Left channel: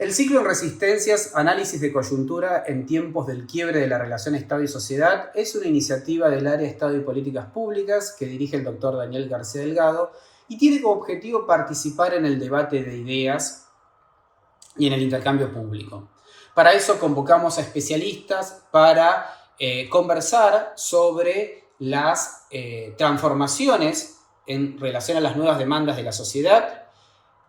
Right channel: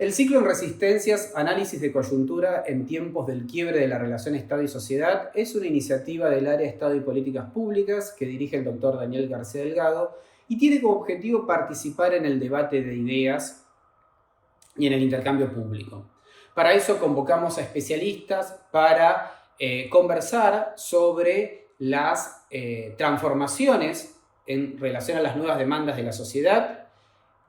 El ciclo en Resistencias, análisis de coyuntura en tiempos del quiebre de la relación Estado y sociedad, es una iniciativa del área Estado y Políticas Públicas que dirige el doctor Daniel García Delgado y tiene como objetivo participar en el debate de ideas y en el intercambio público. Para eso convocamos a especialistas para conversar sobre las transformaciones en relación a las nuevas demandas de la sociedad,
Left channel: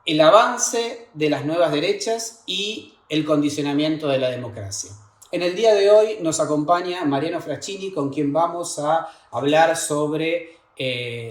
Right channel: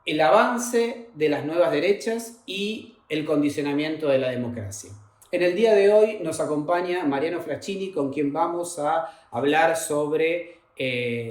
el avance de las nuevas derechas y el condicionamiento de la democracia. En el día de hoy nos acompaña Mariano Fraschini, con quien vamos a hablar sobre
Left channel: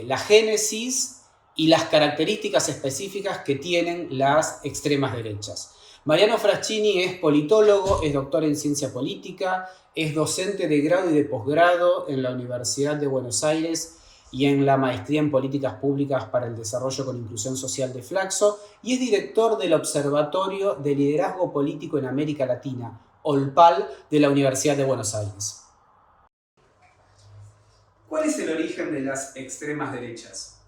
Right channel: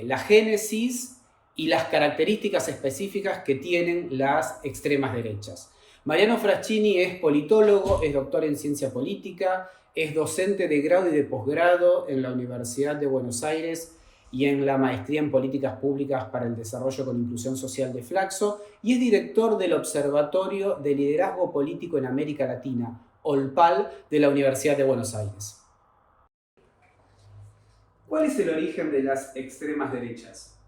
la génesis y las características específicas que tienen las extremas derechas. Mariano Fraschini es politólogo, es doctor en ciencia política, es docente de grado y de posgrado en la Universidad de Buenos Aires y en la Maestría en Políticas Públicas para el Desarrollo con Inclusión Social de Flaxo, y es director del Observatorio de Liderazgo Político en América Latina, OLPAL, de la Universidad de Buenos Aires. ¿Cuál es el origen de las extremas derechas?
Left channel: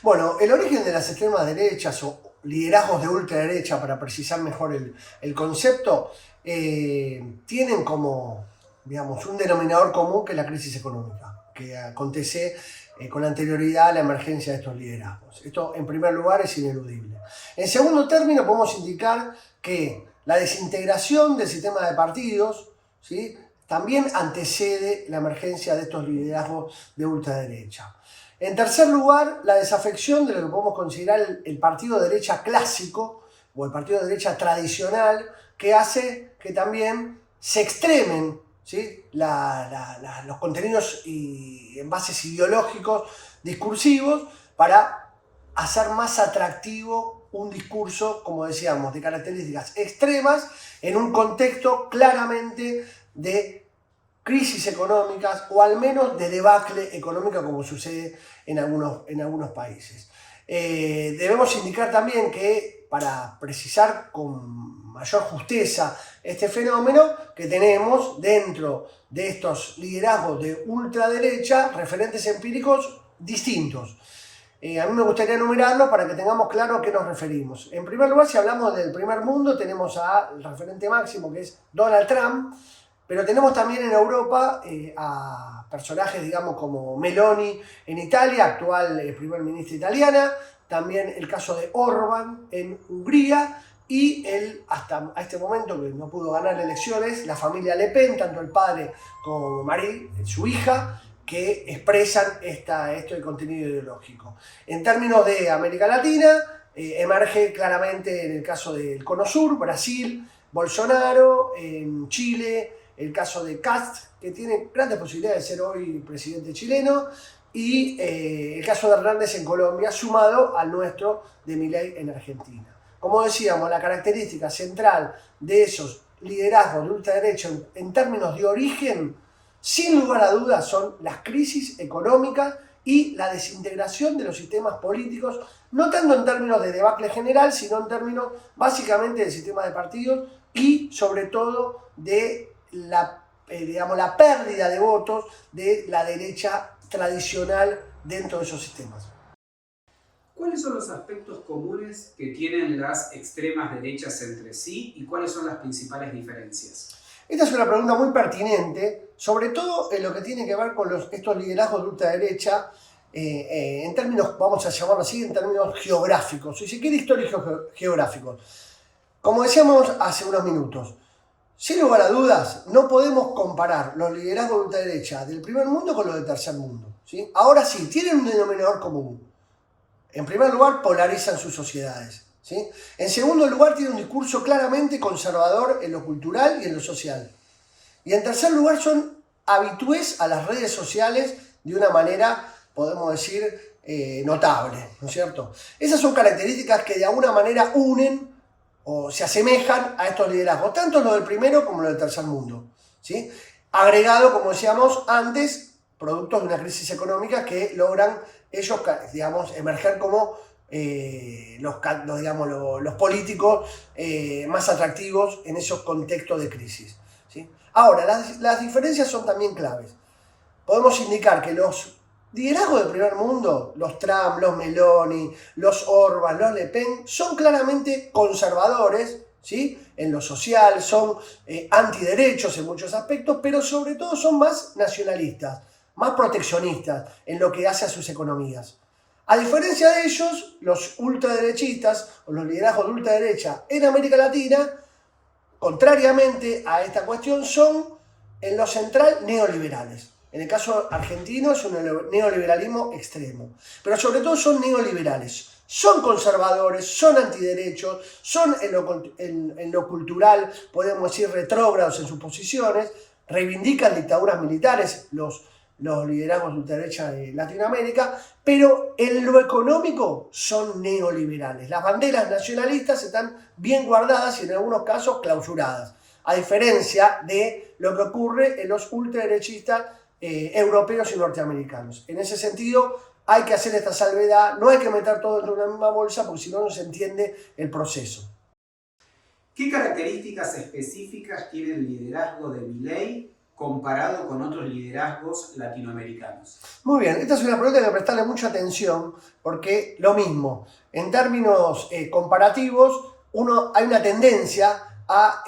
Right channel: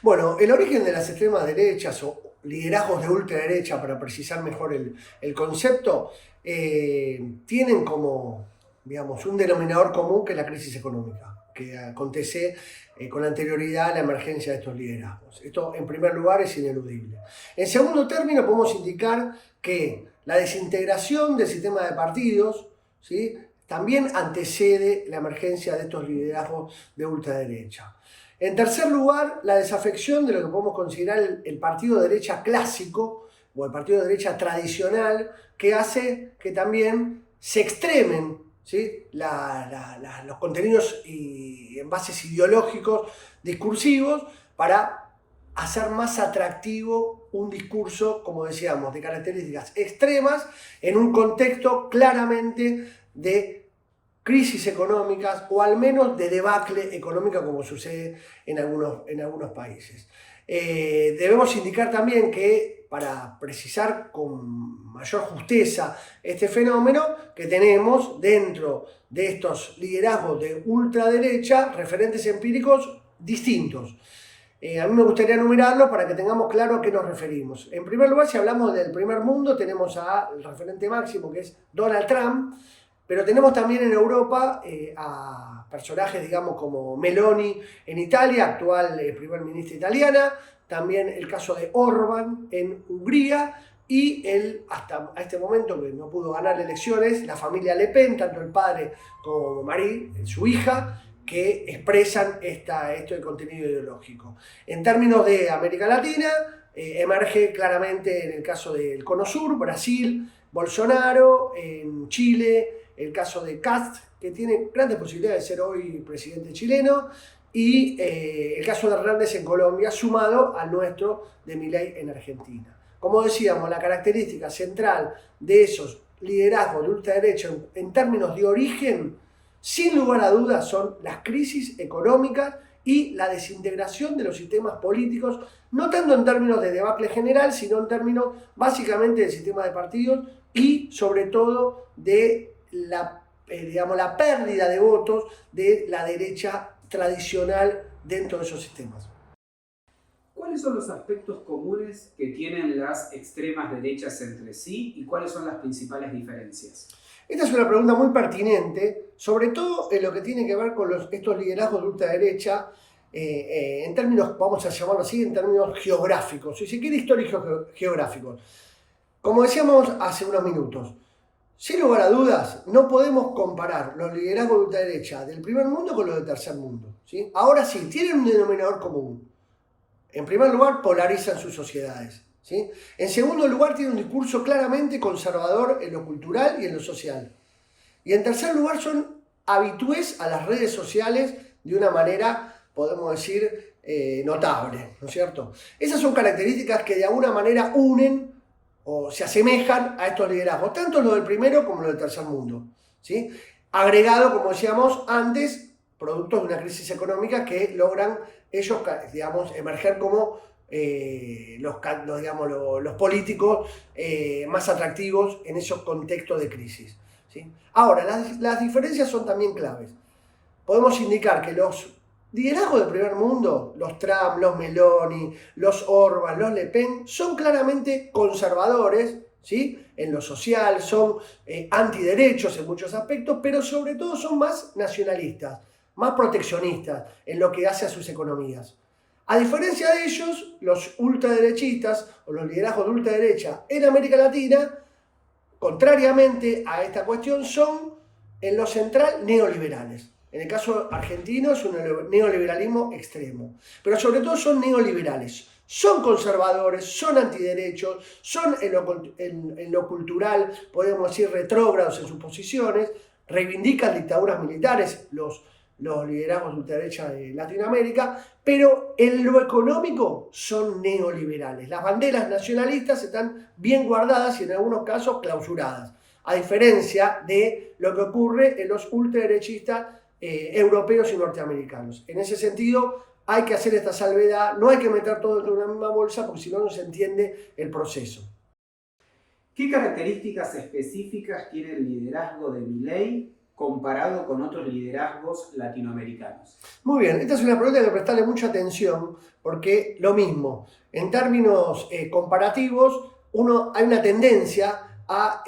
Bueno, el origen de las extremas derechas o liderazgos de ultraderecha, para precisar mejor el concepto, tienen como, digamos, un denominador común que es la crisis económica, que acontece con anterioridad a la emergencia de estos liderazgos. Esto, en primer lugar, es ineludible. En segundo término, podemos indicar que la desintegración del sistema de partidos, ¿sí?, también antecede la emergencia de estos liderazgos de ultraderecha. En tercer lugar, la desafección de lo que podemos considerar el partido de derecha clásico o el partido de derecha tradicional, que hace que también se extremen, ¿sí?, los contenidos y envases ideológicos discursivos para hacer más atractivo un discurso, como decíamos, de características extremas en un contexto claramente de crisis económicas o al menos de debacle económica, como sucede en algunos países. Debemos indicar también que, para precisar con mayor justeza este fenómeno, que tenemos dentro de estos liderazgos de ultraderecha referentes empíricos distintos. A mí me gustaría enumerarlos para que tengamos claro a qué nos referimos. En primer lugar, si hablamos del primer mundo, tenemos al referente máximo, que es Donald Trump, pero tenemos también en Europa a personajes, digamos, como Meloni en Italia, actual primer ministra italiana, también el caso de Orbán en Hungría, y hasta este momento, que no pudo ganar elecciones, la familia Le Pen, tanto el padre como Marine, su hija, que expresan este contenido ideológico. En términos de América Latina, emerge claramente en el caso del Cono Sur, Brasil, Bolsonaro, en Chile, el caso de Kast, que tiene grandes posibilidades de ser hoy presidente chileno, y el caso de Hernández en Colombia, sumado al nuestro de Milei en Argentina. Como decíamos, la característica central de esos liderazgos de ultraderecha en términos de origen, sin lugar a dudas, son las crisis económicas y la desintegración de los sistemas políticos, no tanto en términos de debacle general, sino en términos básicamente del sistema de partidos y sobre todo de la pérdida de votos de la derecha tradicional dentro de esos sistemas. ¿Cuáles son los aspectos comunes que tienen las extremas derechas entre sí y cuáles son las principales diferencias? Esta es una pregunta muy pertinente, sobre todo en lo que tiene que ver con estos liderazgos de ultraderecha, en términos, vamos a llamarlo así, en términos geográficos, si se quiere, históricos geográficos. Como decíamos hace unos minutos, sin lugar a dudas, no podemos comparar los liderazgos de ultraderecha del primer mundo con los del tercer mundo, ¿sí? Ahora sí, tienen un denominador común. En primer lugar, polarizan sus sociedades, ¿sí? En segundo lugar, tienen un discurso claramente conservador en lo cultural y en lo social. Y en tercer lugar, son habitués a las redes sociales de una manera, podemos decir, notable, ¿no es cierto? Esas son características que de alguna manera unen o se asemejan a estos liderazgos, tanto los del primero como los del tercer mundo, ¿sí? Agregado, como decíamos antes, productos de una crisis económica que logran ellos, digamos, emerger como los políticos más atractivos en esos contextos de crisis, ¿sí? Ahora, las diferencias son también claves. Podemos indicar que los liderazgos del primer mundo, los Trump, los Meloni, los Orbán, los Le Pen, son claramente conservadores, ¿sí? En lo social, son antiderechos en muchos aspectos, pero sobre todo son más nacionalistas, más proteccionistas en lo que hace a sus economías. A diferencia de ellos, los ultraderechistas o los liderazgos de ultraderecha en América Latina, contrariamente a esta cuestión, son en lo central neoliberales. En el caso argentino es un neoliberalismo extremo, pero sobre todo son neoliberales. Son conservadores, son antiderechos, son en lo cultural, podemos decir, retrógrados en sus posiciones, reivindican dictaduras militares, los liderazgos de ultraderecha de Latinoamérica, pero en lo económico son neoliberales. Las banderas nacionalistas están bien guardadas y en algunos casos clausuradas, a diferencia de lo que ocurre en los ultraderechistas europeos y norteamericanos. En ese sentido, hay que hacer esta salvedad, no hay que meter todo dentro de una misma bolsa porque si no, no se entiende el proceso. ¿Qué características específicas tiene el liderazgo de Milei comparado con otros liderazgos latinoamericanos? Muy bien, esta es una pregunta que hay que prestarle mucha atención porque lo mismo, en términos comparativos, hay una tendencia a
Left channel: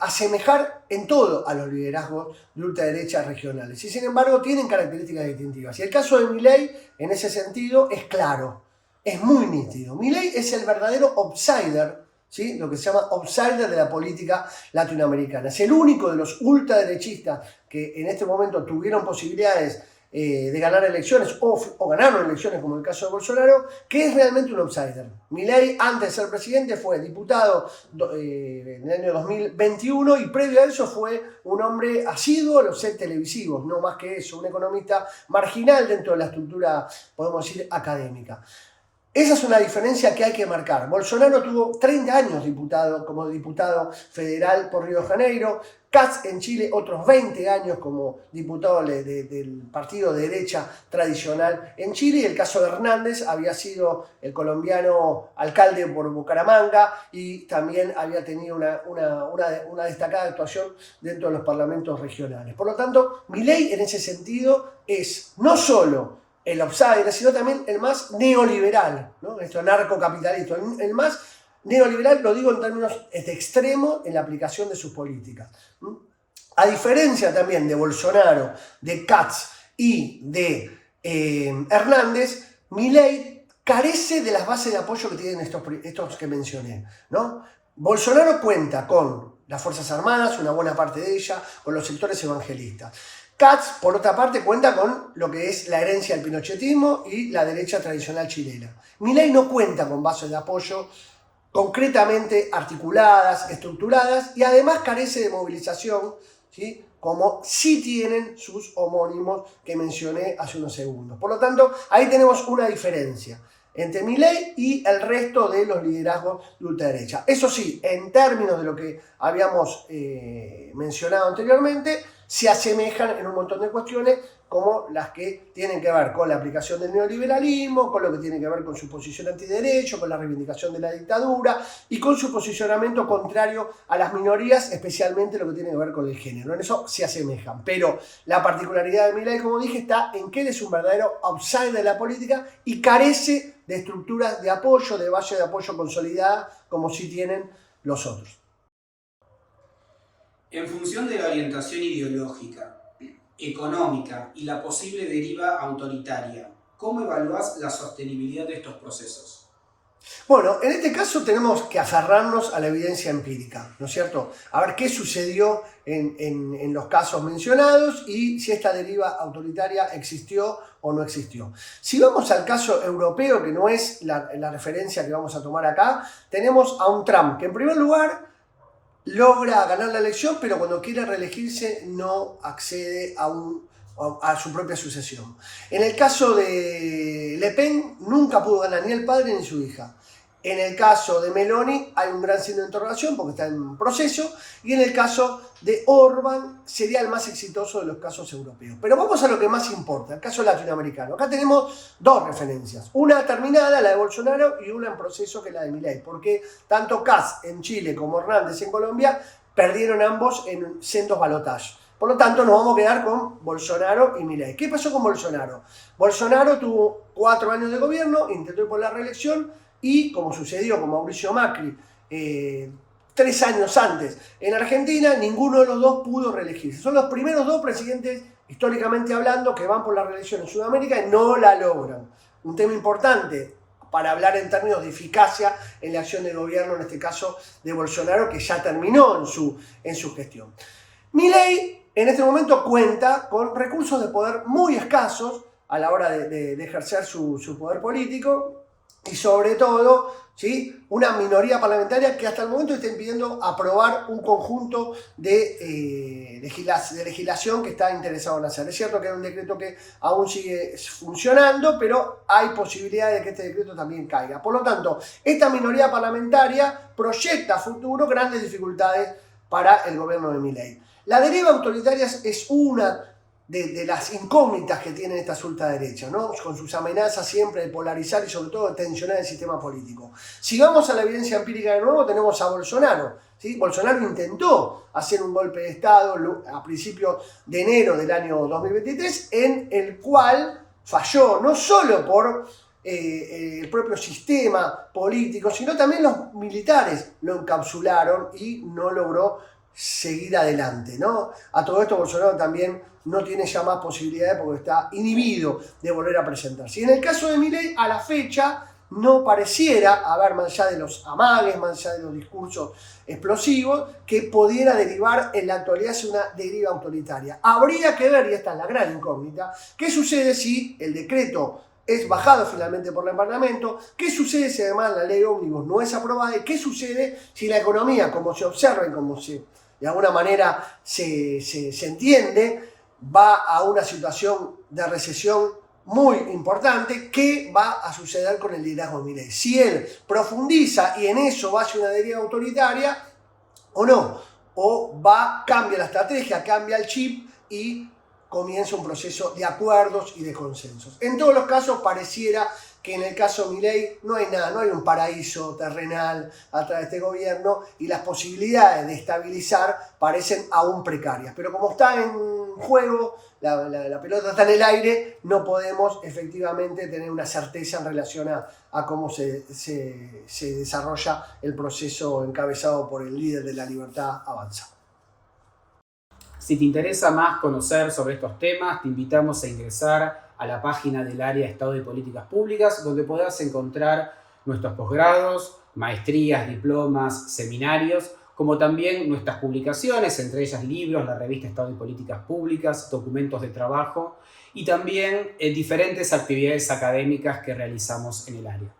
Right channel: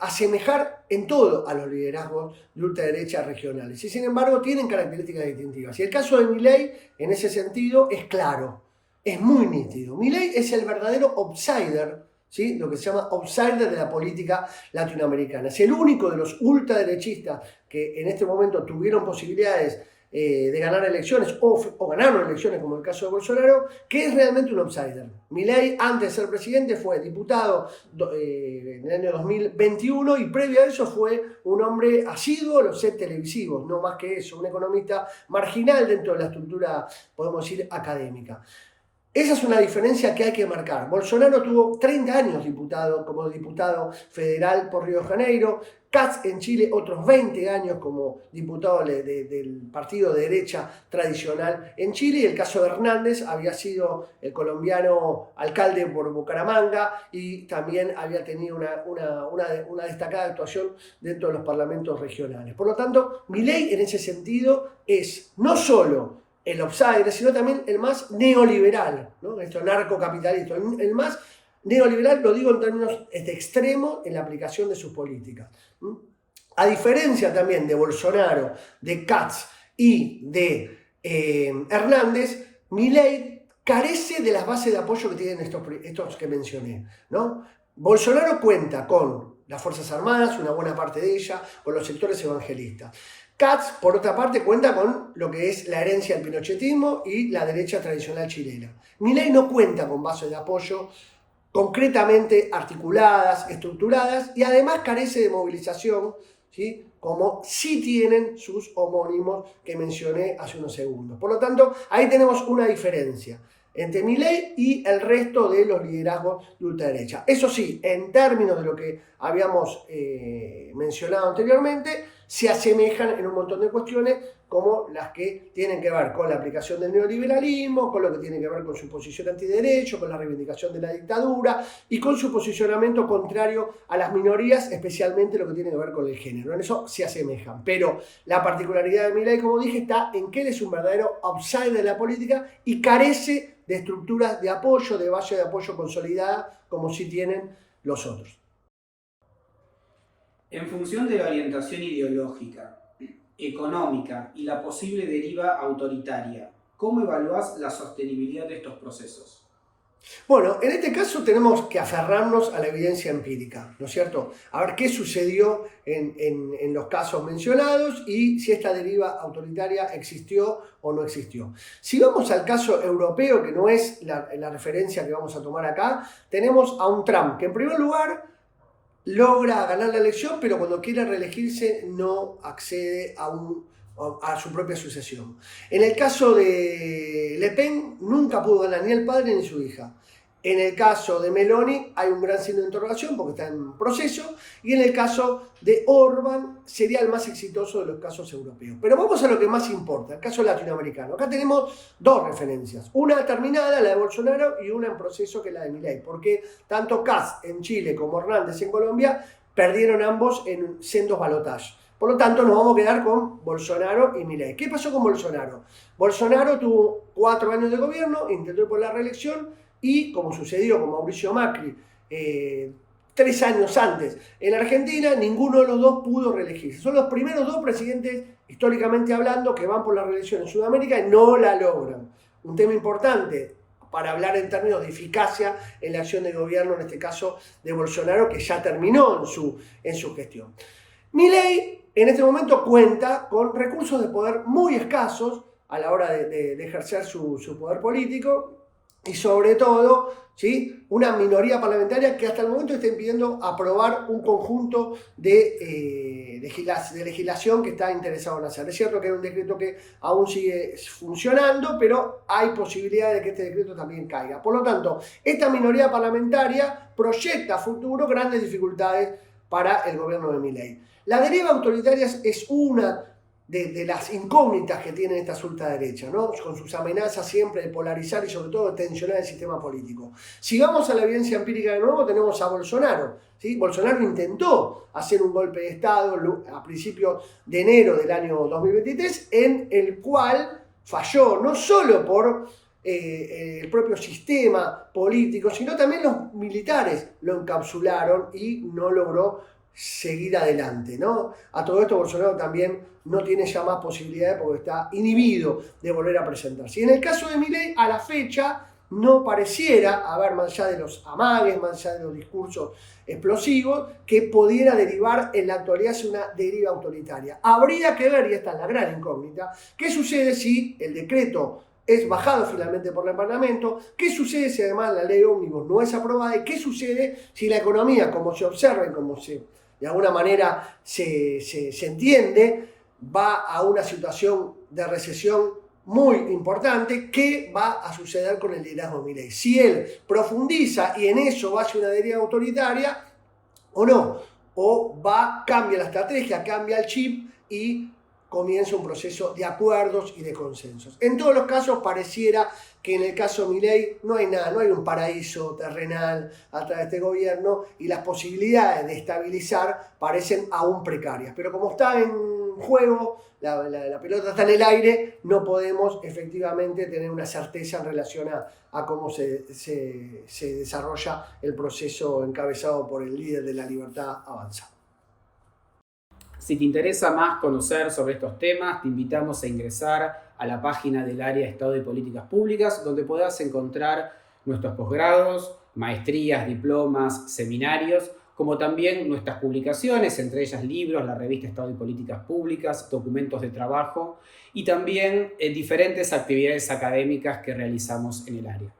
asemejar en todo a los liderazgos de ultraderecha regionales y sin embargo tienen características distintivas. Y el caso de Milei en ese sentido es claro, es muy nítido. Milei es el verdadero outsider, ¿sí? Lo que se llama outsider de la política latinoamericana. Es el único de los ultraderechistas que en este momento tuvieron posibilidades de ganar elecciones o ganaron elecciones, como el caso de Bolsonaro, que es realmente un outsider. Milei, antes de ser presidente, fue diputado en el año 2021 y previo a eso fue un hombre asiduo a los sets televisivos, no más que eso, un economista marginal dentro de la estructura, podemos decir, académica. Esa es una diferencia que hay que marcar. Bolsonaro tuvo 30 años como diputado federal por Río de Janeiro, Katz en Chile otros 20 años como diputado del partido de derecha tradicional en Chile, y el caso de Hernández había sido el colombiano alcalde por Bucaramanga y también había tenido una destacada actuación dentro de los parlamentos regionales. Por lo tanto, Milei en ese sentido es no solo el outsider, sino también el más neoliberal, ¿no? Esto narcocapitalista, el más neoliberal, lo digo en términos de extremo en la aplicación de sus políticas. A diferencia también de Bolsonaro, de Katz y de Hernández, Milei carece de las bases de apoyo que tienen estos que mencioné, ¿no? Bolsonaro cuenta con las Fuerzas Armadas, una buena parte de ellas, con los sectores evangelistas. Katz, por otra parte, cuenta con lo que es la herencia del pinochetismo y la derecha tradicional chilena. Milei no cuenta con bases de apoyo concretamente articuladas, estructuradas, y además carece de movilización, ¿sí? Como sí tienen sus homónimos que mencioné hace unos segundos. Por lo tanto, ahí tenemos una diferencia entre Milei y el resto de los liderazgos de ultraderecha. Eso sí, en términos de lo que habíamos mencionado anteriormente, se asemejan en un montón de cuestiones como las que tienen que ver con la aplicación del neoliberalismo, con lo que tiene que ver con su posición antiderecho, con la reivindicación de la dictadura y con su posicionamiento contrario a las minorías, especialmente lo que tiene que ver con el género. En eso se asemejan, pero la particularidad de Milei, como dije, está en que él es un verdadero outsider de la política y carece de estructuras de apoyo, de base de apoyo consolidada, como sí tienen los otros. En función de la orientación ideológica, económica y la posible deriva autoritaria, ¿cómo evalúas la sostenibilidad de estos procesos? Bueno, en este caso tenemos que aferrarnos a la evidencia empírica, ¿no es cierto? A ver qué sucedió en los casos mencionados y si esta deriva autoritaria existió o no existió. Si vamos al caso europeo, que no es la referencia que vamos a tomar acá, tenemos a un Trump que en primer lugar logra ganar la elección, pero cuando quiere reelegirse no accede a su propia sucesión. En el caso de Le Pen nunca pudo ganar ni el padre ni su hija. En el caso de Meloni hay un gran signo de interrogación porque está en proceso, y en el caso de Orbán sería el más exitoso de los casos europeos. Pero vamos a lo que más importa, el caso latinoamericano. Acá tenemos dos referencias, una terminada, la de Bolsonaro, y una en proceso, que es la de Milei, porque tanto Katz en Chile como Hernández en Colombia perdieron ambos en sendos balotajes. Por lo tanto, nos vamos a quedar con Bolsonaro y Milei. ¿Qué pasó con Bolsonaro? Bolsonaro tuvo 4 años de gobierno, intentó ir por la reelección, y como sucedió con Mauricio Macri, 3 años antes. En Argentina ninguno de los dos pudo reelegirse. Son los primeros 2 presidentes, históricamente hablando, que van por la reelección en Sudamérica y no la logran. Un tema importante para hablar en términos de eficacia en la acción de gobierno, en este caso de Bolsonaro, que ya terminó en su gestión. Milei en este momento cuenta con recursos de poder muy escasos a la hora de ejercer su poder político y sobre todo, ¿sí?, una minoría parlamentaria que hasta el momento está impidiendo aprobar un conjunto de legislación que está interesado en hacer. Es cierto que es un decreto que aún sigue funcionando, pero hay posibilidades de que este decreto también caiga. Por lo tanto, esta minoría parlamentaria proyecta a futuro grandes dificultades para el gobierno de Milei. La deriva autoritaria es una de las incógnitas que tiene esta ultraderecha, ¿no?, con sus amenazas siempre de polarizar y sobre todo de tensionar el sistema político. Si vamos a la evidencia empírica de nuevo, tenemos a Bolsonaro, ¿sí? Bolsonaro intentó hacer un golpe de Estado a principios de enero del año 2023, en el cual falló, no solo por el propio sistema político, sino también los militares lo encapsularon y no logró seguir adelante, ¿no? A todo esto Bolsonaro también no tiene ya más posibilidades porque está inhibido de volver a presentarse. Y en el caso de Milei, a la fecha, no pareciera haber, más allá de los amagues, más allá de los discursos explosivos, que pudiera derivar en la actualidad hacia una deriva autoritaria. Habría que ver, y esta es la gran incógnita, qué sucede si el decreto es bajado finalmente por el Parlamento, qué sucede si además la ley ómnibus no es aprobada y qué sucede si la economía, como se observa y como de alguna manera se entiende, va a una situación de recesión muy importante. ¿Qué va a suceder con el liderazgo de Milei? Si él profundiza y en eso va hacia una deriva autoritaria o no, o cambia la estrategia, cambia el chip y comienza un proceso de acuerdos y de consensos. En todos los casos pareciera que en el caso de Milei no hay nada, no hay un paraíso terrenal a través de este gobierno y las posibilidades de estabilizar parecen aún precarias. Pero como está en juego, la pelota está en el aire, no podemos efectivamente tener una certeza en relación a cómo se desarrolla el proceso encabezado por el líder de La Libertad Avanza. Si te interesa más conocer sobre estos temas, te invitamos a ingresar a la página del área de Estado y Políticas Públicas, donde podrás encontrar nuestros posgrados, maestrías, diplomas, seminarios, como también nuestras publicaciones, entre ellas libros, la revista Estado y Políticas Públicas, documentos de trabajo y también diferentes actividades académicas que realizamos en el área.